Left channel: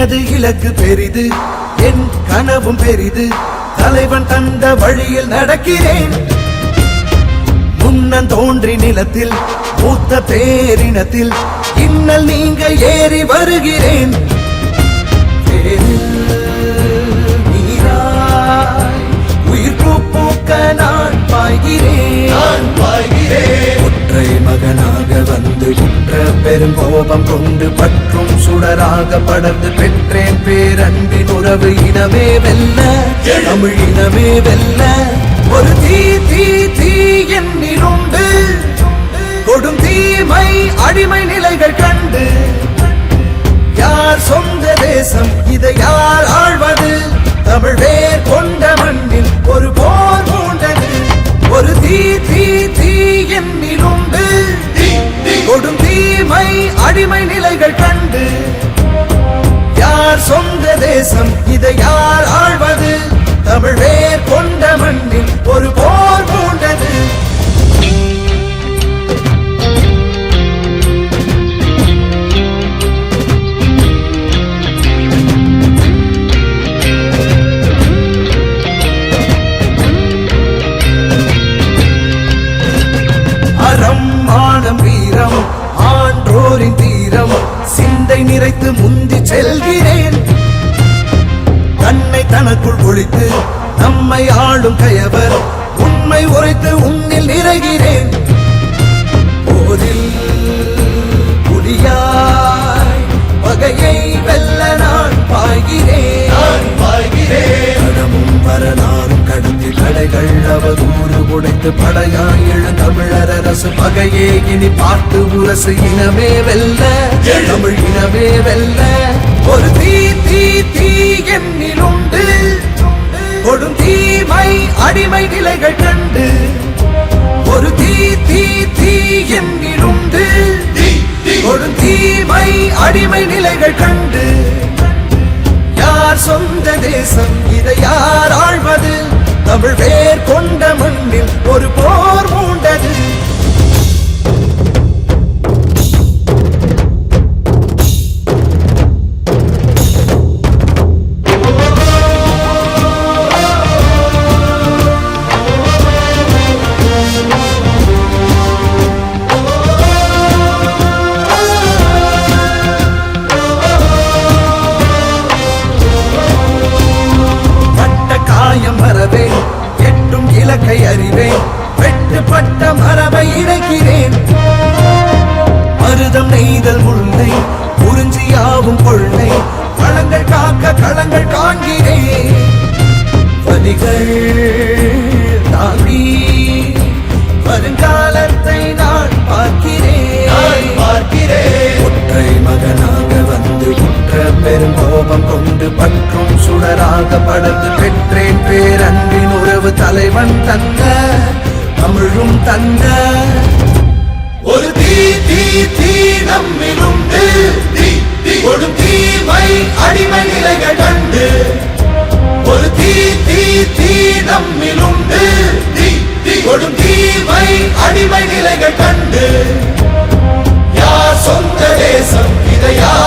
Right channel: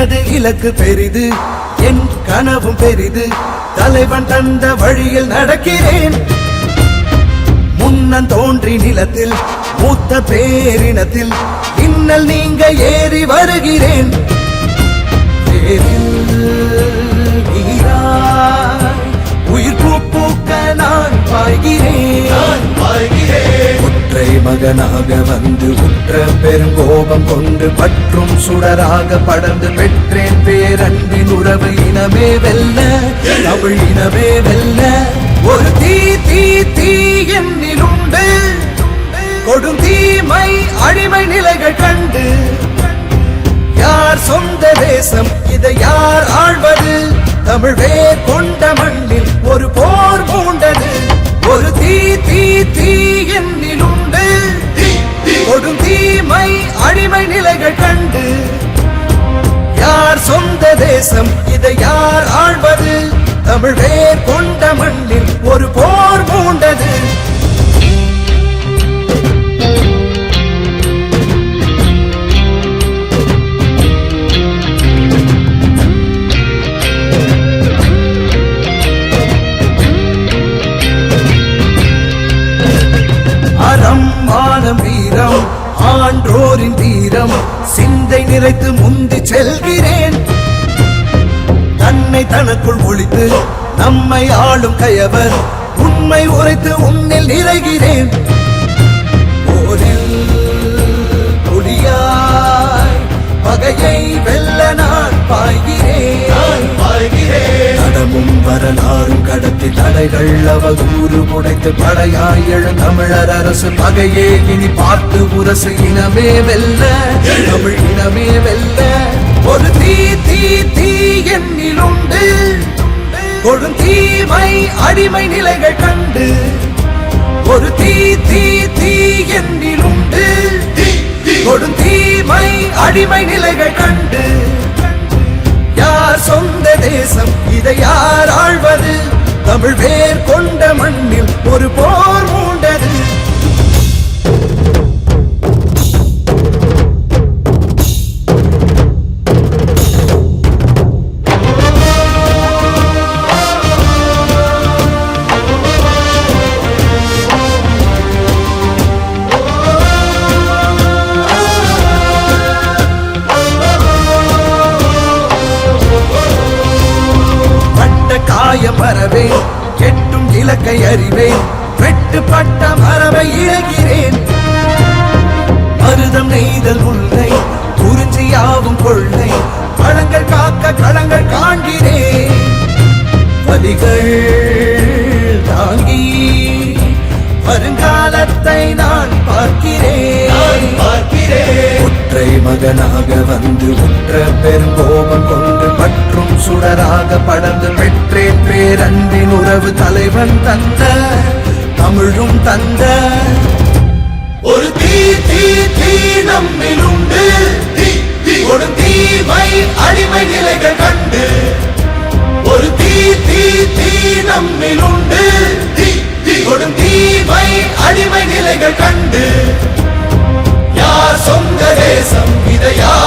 எனது இலக்கு பெரிது, என் கனவும் பெரிது, தலைவன் தந்த வழியில் நடக்கிறேன். முன்னம் தோன்றி நிலத்தில் மூத்த பேரினத்தில் இன்னல் நீங்க ஏறி வருகிறேன். உயிர் பூக்க நான் பாய்கிறேன். ஒற்றை மகனாக வந்து உற்ற பெருங்கோபம் கொண்டு பற்றும் சுடராக படர்ந்து பெற்றேன் பேரன்பின் உறவு. இனமே வெல்ல, தமிழ் இனமே வெல்ல, ஒரு தீ தீ தீ என்னிலுண்டு. கொடும் தீமை அடிமை நிலைகள் கண்டு யார் சொந்த தேசம், இதை யார் ஆழ்வது? தமிழ் வேர் கொண்ட மண்ணில் ஒரு போர் பூண்டது. ஒரு தீ தீ தீ என்னிலுண்டு. கொடும் தீமை அடிமை நிலைகள் கண்டு யார் சொந்த தேசம், இதை யார் ஆழ்வது? தமிழ் வேர் கொண்ட மண்ணில் ஒரு போர் பூண்டது. அறம் மானம் வீரம் ஆன்றோரின் தீரம் சிந்தை நிறைத்து முந்தி செல்கிறேன். தன்னை தனக்குள் ஒழித்து நம்மை ஆளும் கயவர் உண்மை உரைத்து உன்னில் நிறைகிறேன். போரில் புலியாய் பகையை வெல்ல நான் பாய்கிறேன். கடமும் வரலாறும் கடத்தி தடைகள் அவதூறு உடைத்து படையாய் எழு தமிழர் அரசு பகையே இனி பார்த்து உரசு. இனவே வெல்ல, தமிழ் இனவே வெல்ல, ஒரு தீ தீ தீ என்னிலுண்டு. கொடும் தீமை அடிமை நிலைகள் கண்டு ஒரு தீ தீ தீ என்னிலுண்டு. கொடும் தீமை அடிமை நிலைகள் கண்டு யார் சொந்த தேசம், இதை யார் ஆழ்வது? தமிழ் வேர் கொண்ட மண்ணில் ஒரு போர் மூண்டது. காயம் வரவே எட்டும் இலக்கை அறிவேன். வெட்டுப்பட்ட மரபை இழக்கிறேன். மருதம் நெய்தல் முல்லை குறிஞ்சியாவும் கொள்ளை களங்கள் காக்க களங்கள் காண்கிறேன். பதிகள் தாண்டி வருங்காலத்தை நான் பார்க்கிறேன். ஒற்றை மகனாக வந்து உற்ற பெருங்கோபம் கொண்டு பற்றும் சுடராக படர்ந்து பெற்றேன் பேரன்பின் உறவு. தலைவன் தந்த தமிழும் தந்த ஒரு தீ தீ தீ நம்மிலுண்டு. ஒரு தீமை அடிமை நிலைகள் கண்டு ஒரு தீ தீ தீ நம்மிலுண்டு. கொடும் தீமை அடிமை நிலைகள் கண்டு யார் சொந்த தேசம், இதை யார்